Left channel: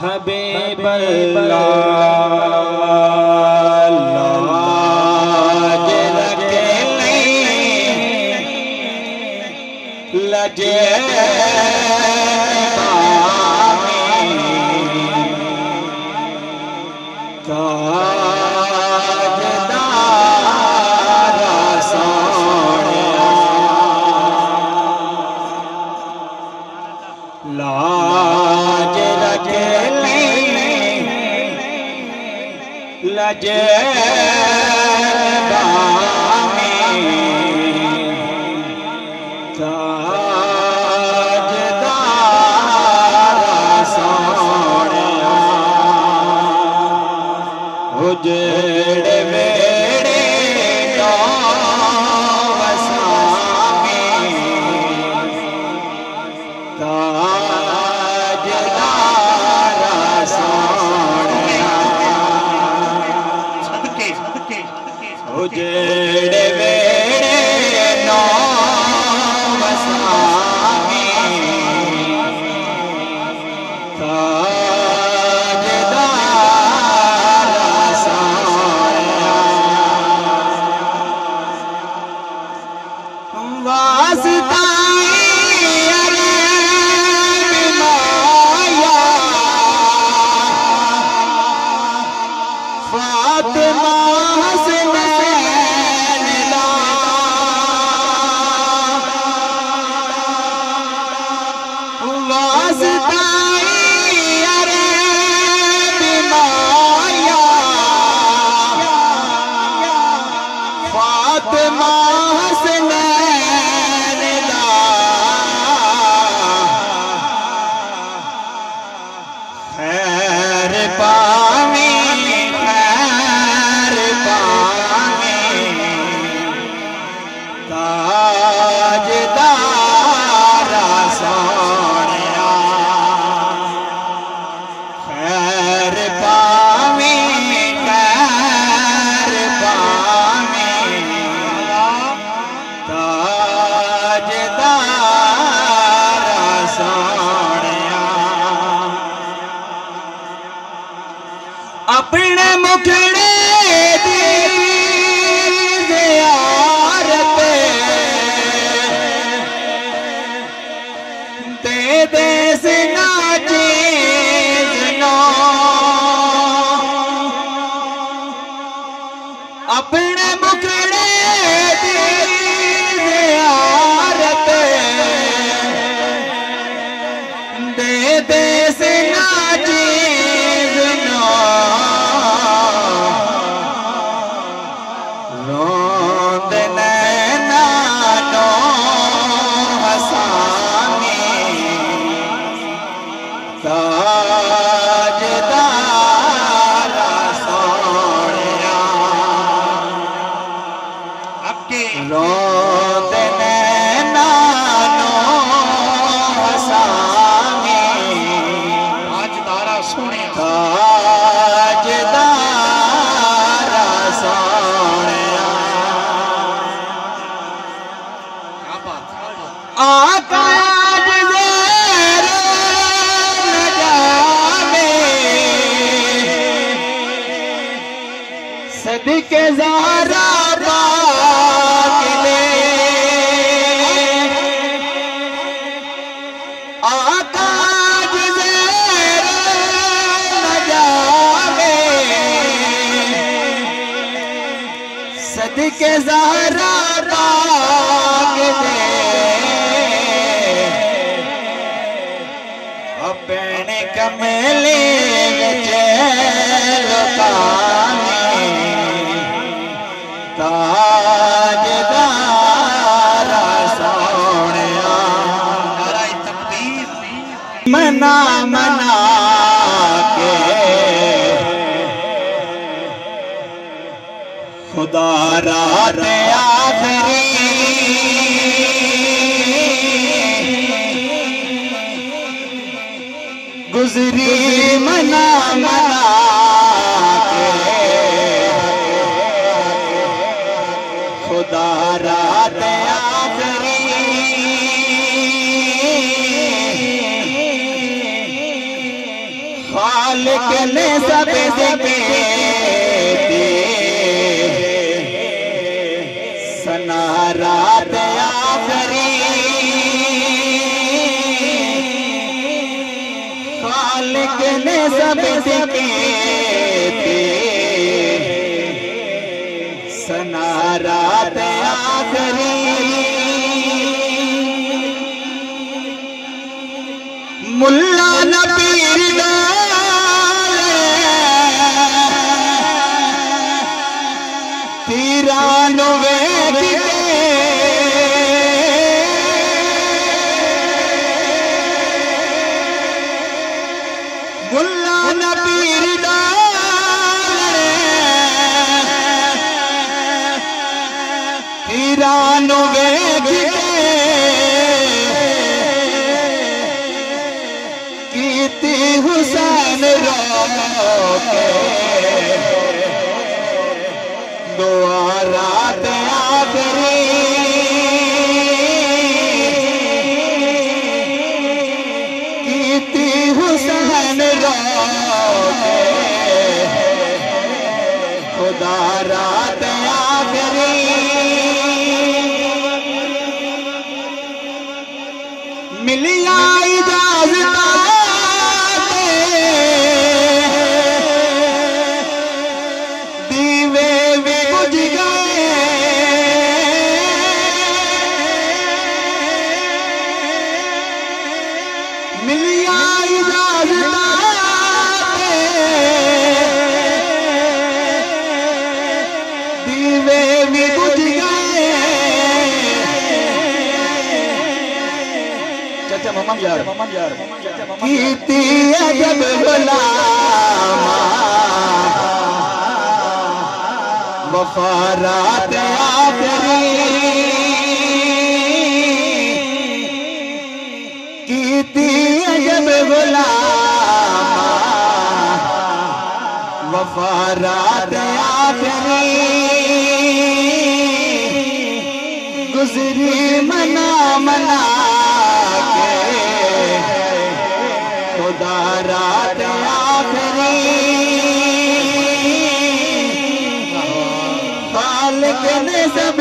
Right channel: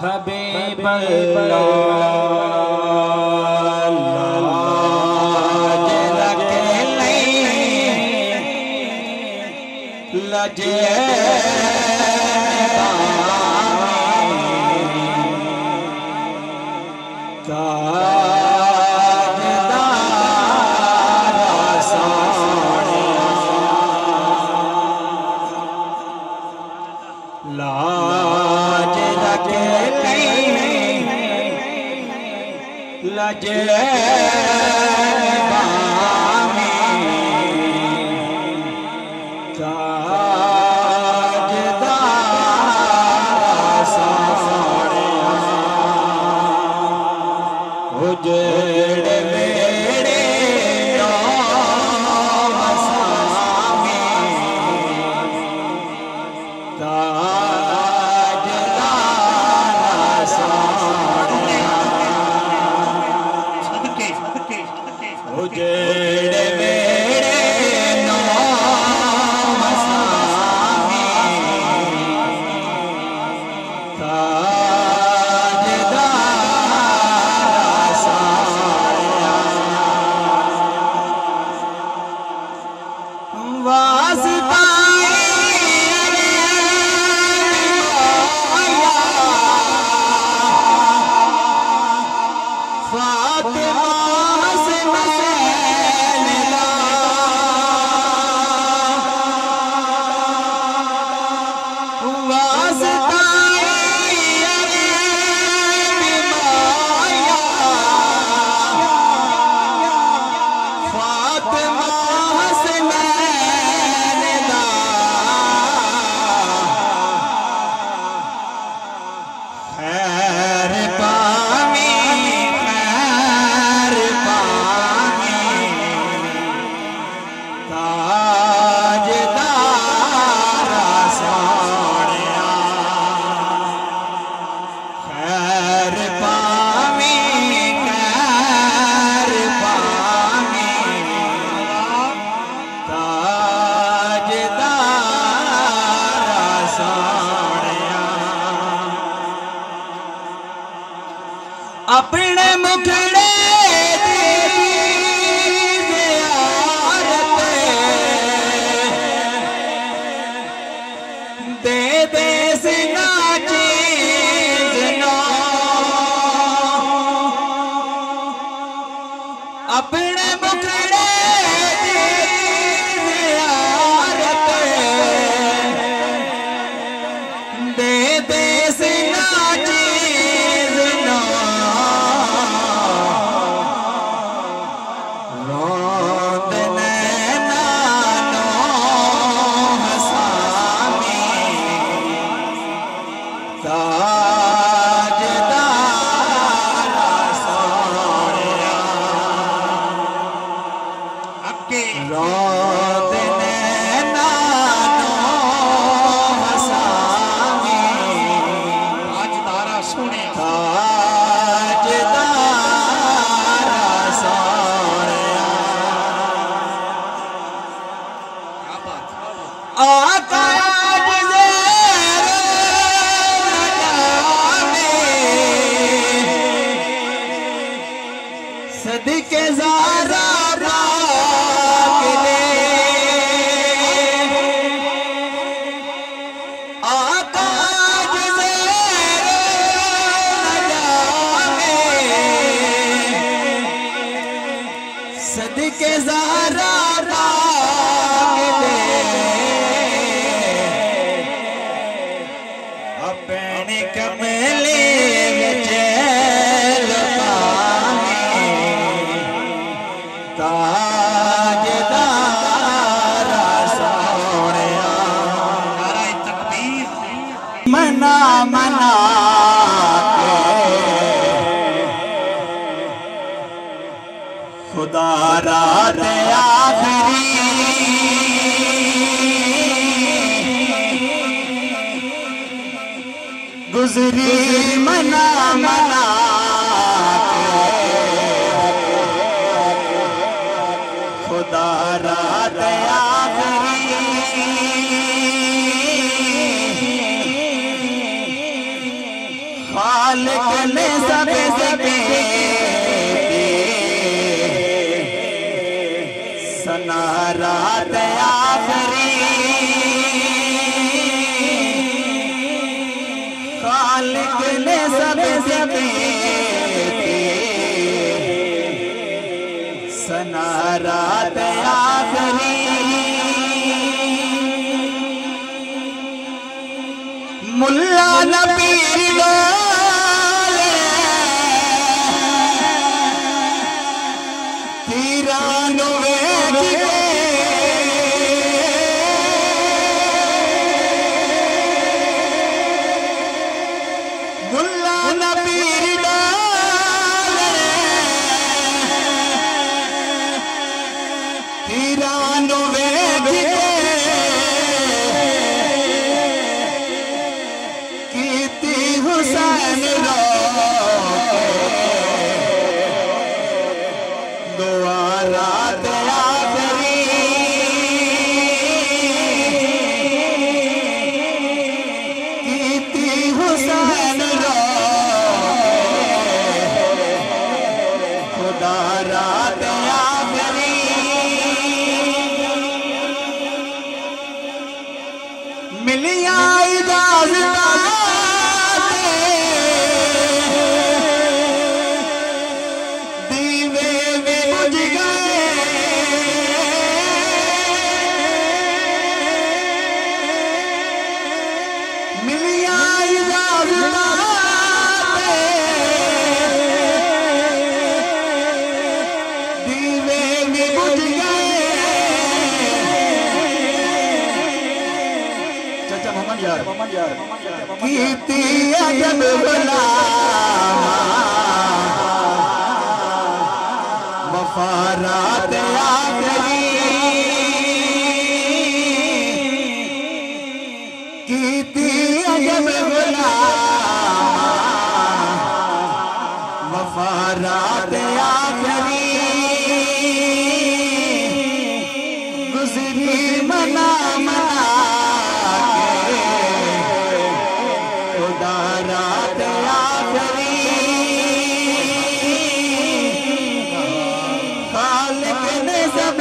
हबीब अल्लाह लजे लजे अपने मुखड़े दे दे सिना चीज़ अपने मुखड़े दे दे सिना सदके ज़ारा पाक ले आका ज़ेर नजामे सदके ज़ारा पाक ले अपने कमले विच मना मना के खुदा रात आखरी गुजरी मना मना के खुदा रात आखरी खालिक ने सबसे सना रात आखिरी, खालिक ने सबसे सना रात आखिरी। मुल्ला न पीर डाले तीरानो वेख के, मुल्ला न पीर डाले तीरानो वेख के, हुसैन रोके दुआ रात आखिरी। कीती हुसैन रोके खुदा रात आखिरी। मिलिया इजाजत मोहम्मद यार कीती अजब गुलामा वफा रात आखिरी। कीती अजब गुलामा वफा रात आखिरी। गुजरी मना मना रात आखिरी। खालिक ने सब